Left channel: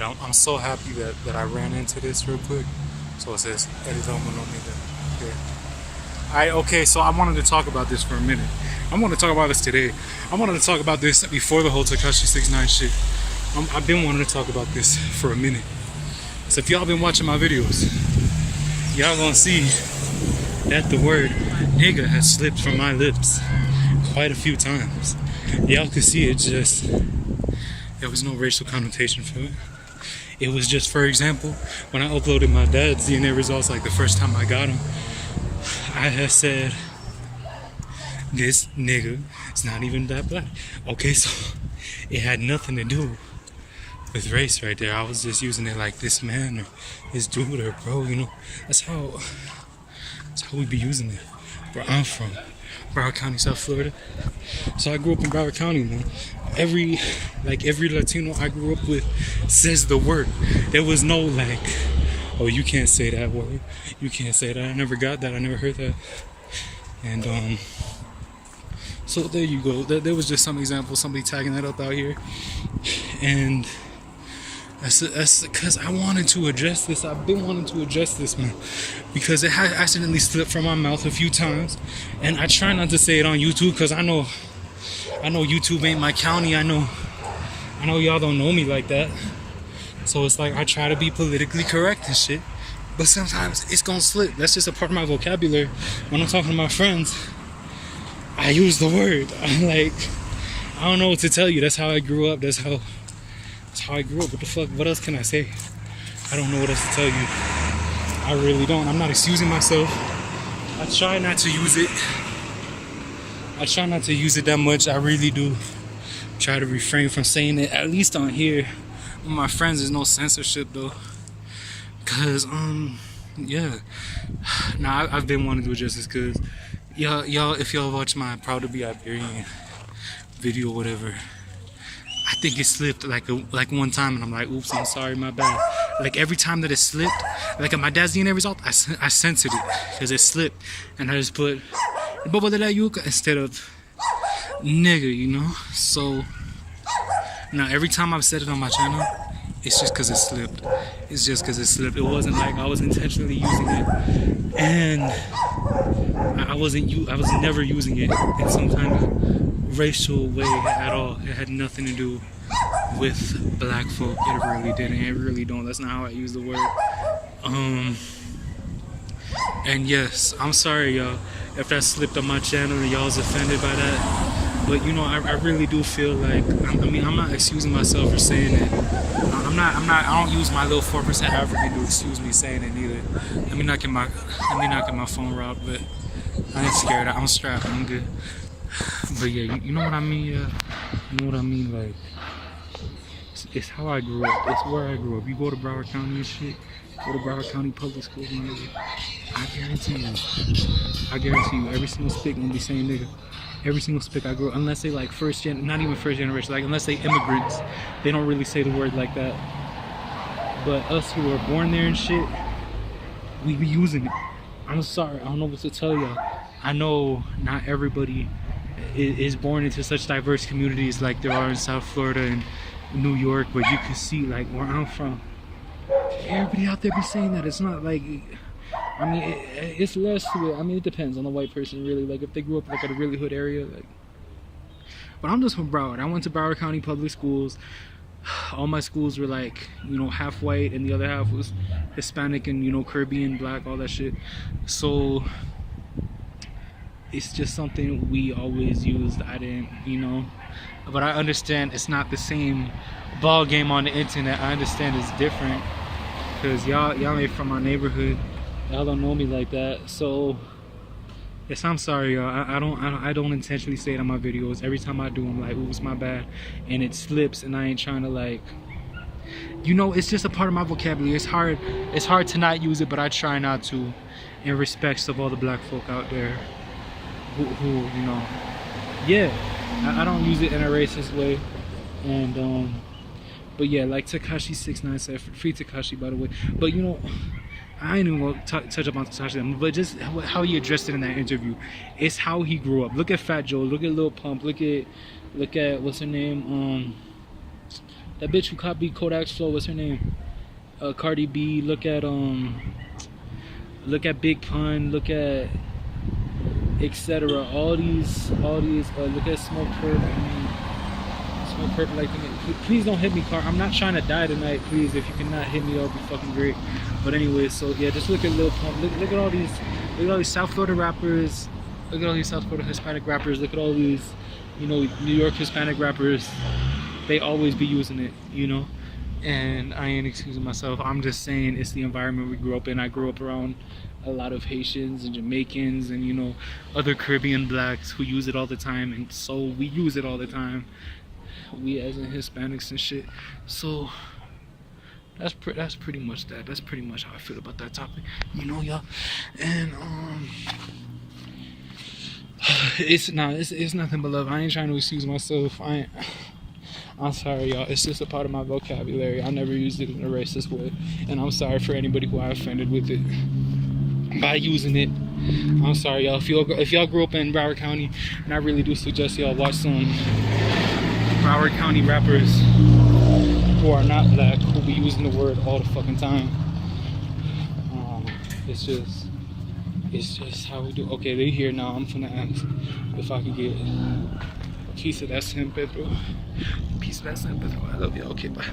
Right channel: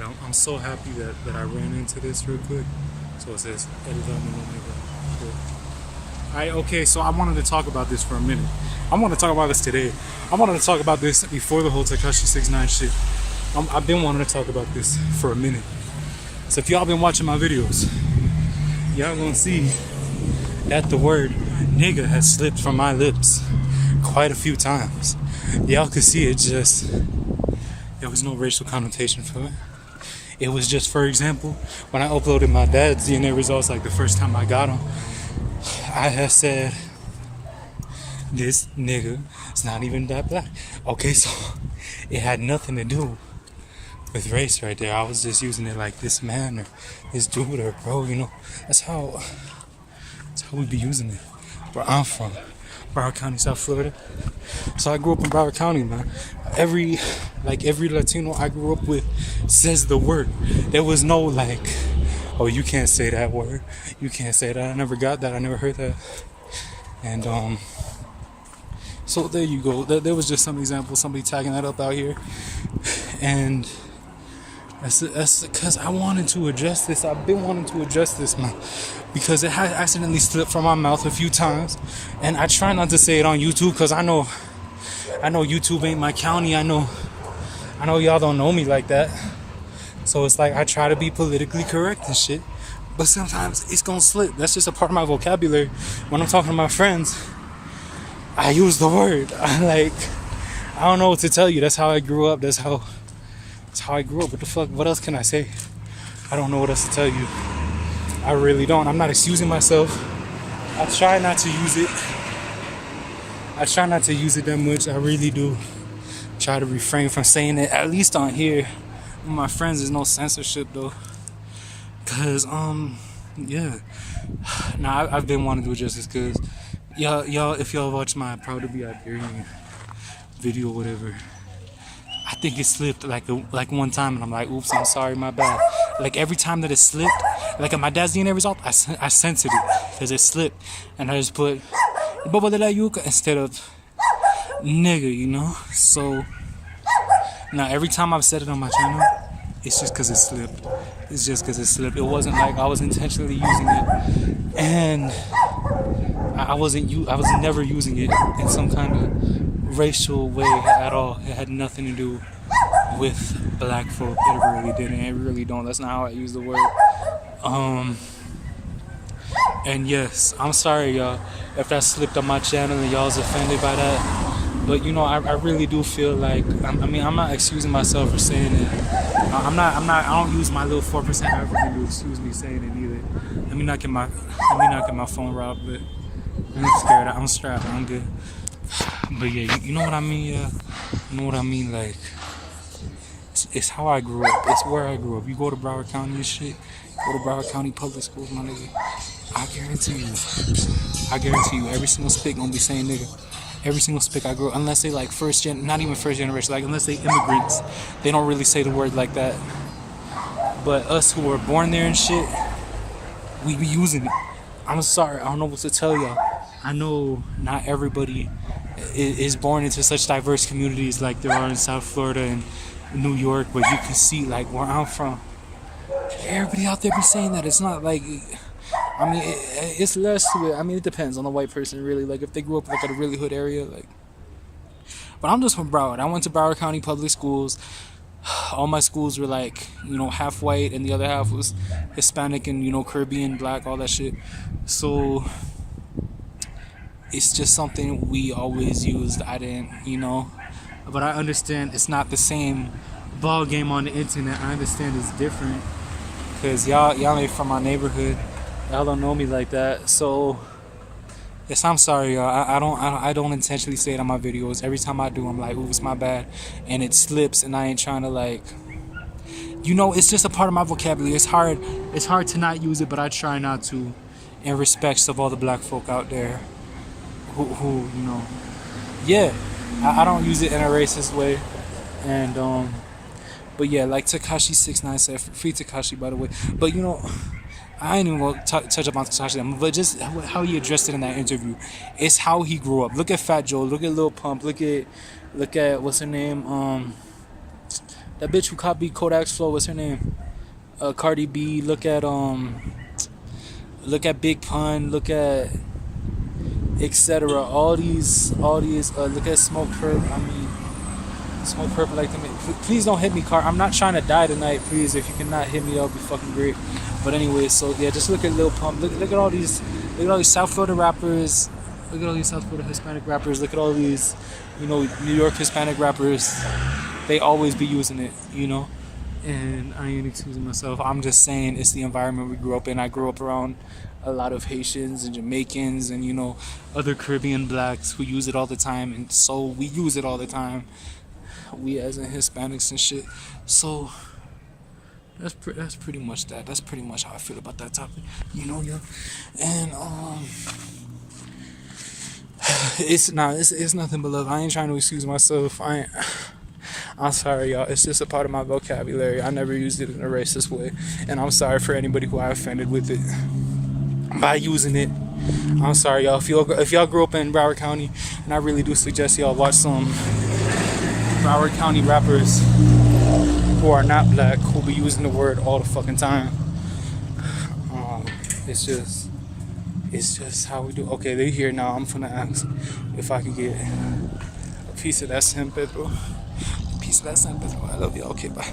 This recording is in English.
Alright, I'm so happy that I ran into this real quick. So it says, edit on the nigga. Yeah. Alright, okay, so I wanted to talk about this for a minute. I want to talk about this today. I wanted to talk about this before the whole Tekashi 69 shit. I've been wanting to talk about this for a minute. So if y'all been watching my videos, y'all gonna see that the word nigga has slipped from my lips quite a few times. Y'all could see it, just there was no racial connotation for it. It was just, for example, when I uploaded my dad's DNA results, like the first time I got them, I had said, this nigga is not even that black. Okay, so it had nothing to do with race right there. I was just using it like this man or this dude or bro, you know. That's how we be using it. Where I'm from, Broward County, South Florida. So I grew up in Broward County, man. Every Latino I grew up with says the word. There was no like, oh, you can't say that word. You can't say that. I never got that. I never heard that. And so there you go. There was just some example, somebody tagging that up out here, and that's because I wanted to address this. I've been wanting to address this, man, because it had accidentally slipped from my mouth a few times, and I try not to say it on YouTube because I know YouTube ain't my county. I know y'all don't know me like that, so it's like I try to be politically correct and shit, but sometimes it's gonna slip. That's just a part of my vocabulary. When I'm talking to my friends, I use the word. I don't know what to tell you. That's how I grew up. That's how I grew up. What the fuck? What else can I say? I don't know what else to tell you. I really don't. I'm not excusing myself. I try not to use it. I try not to use it that much. I really do try to refrain from saying it, at least on here. With my friends, there's no censorship though. Cause yeah. Nah, I've been wanting to address this because y'all, if y'all watch my Proud to be Iberian video or whatever, I think it slipped like one time, and I'm like, oops, I'm sorry, my bad. Like every time that it slipped, like at my dad's DNA result, I censored it because it slipped, and I just put Bobo de la Yuca instead of nigga, you know. So now every time I've said it on my channel, it's just because it slipped. It's just because it slipped. It wasn't like I was intentionally using it, and I was never using it in some kind of racial way at all. It had nothing to do with black folk. It really didn't. It really don't. That's not how I use the word. And yes, I'm sorry, y'all, if that slipped on my channel and y'all's offended by that. But you know, I really do feel like, I mean, I'm not excusing myself for saying it. I don't use my little 4% African to excuse me saying it either. Let me not get my phone robbed, but I ain't scared. I'm strapped. I'm good. But yeah, you know what I mean, yeah? You know what I mean? Like, it's how I grew up. It's where I grew up. You go to Broward County and shit, go to Broward County public schools, my nigga, I guarantee you, every single spick gonna be saying nigga. Every single spick I grew up, unless they like not even first generation, like unless they immigrants, they don't really say the word like that. But us who were born there and shit, we be using it. I'm sorry, I don't know what to tell y'all. I know not everybody is born into such diverse communities like there are in South Florida and New York, but you can see like where I'm from, everybody out there be saying that. It's not like, I mean, it's less to it. I mean, it depends on the white person, really. Like, if they grew up like at a really hood area, like. But I'm just from Broward. I went to Broward County public schools. All my schools were like, you know, half white, and the other half was Hispanic and, you know, Caribbean, black, all that shit. So it's just something we always used. I didn't, you know. But I understand it's not the same ball game on the internet. I understand it's different because y'all ain't from my neighborhood. Y'all don't know me like that. So yes, I'm sorry, y'all. I don't intentionally say it on my videos. Every time I do, I'm like, oops, my bad, and it slips, and I ain't trying to, like, you know, it's just a part of my vocabulary. It's hard to not use it, but I try not to, in respects of all the black folk out there who you know, yeah, I don't use it in a racist way. And but yeah, like Tekashi 69 said, free Tekashi, by the way. But you know, I ain't even gonna touch up on Tekashi, but just how he addressed it in that interview. It's how he grew up. Look at Fat Joe. Look at Lil Pump. Look at what's her name? that bitch who copied Kodak's flow. What's her name? Cardi B. Look at Big Pun. Look at etc. All these. Look at Smoke Perp. I mean, Smoke Perp like them. Please don't hit me, car. I'm not trying to die tonight. Please, if you cannot hit me, that'll be fucking great. But anyway, so yeah, just look at Lil Pump. Look at all these. Look at all these South Florida rappers. Look at all these South Florida Hispanic rappers. Look at all these, New York Hispanic rappers. They always be using it, And I ain't excusing myself. I'm just saying it's the environment we grew up in. I grew up around a lot of Haitians and Jamaicans and, other Caribbean blacks who use it all the time. And so we use it all the time. We as in Hispanics and shit. So that's pretty much that. That's pretty much how I feel about that topic. Y'all. And, it's nothing but love. I ain't trying to excuse myself. I'm sorry, y'all. It's just a part of my vocabulary. I never used it in a racist way, and I'm sorry for anybody who I offended with it by using it. I'm sorry, y'all. If y'all grew up in Broward County, and I really do suggest y'all watch some Broward County rappers who are not black, who be using the word all the fucking time. It's just how we do. Okay, they here now. I'm finna ask if I could get a piece of that San Pedro. I love you. Okay, bye.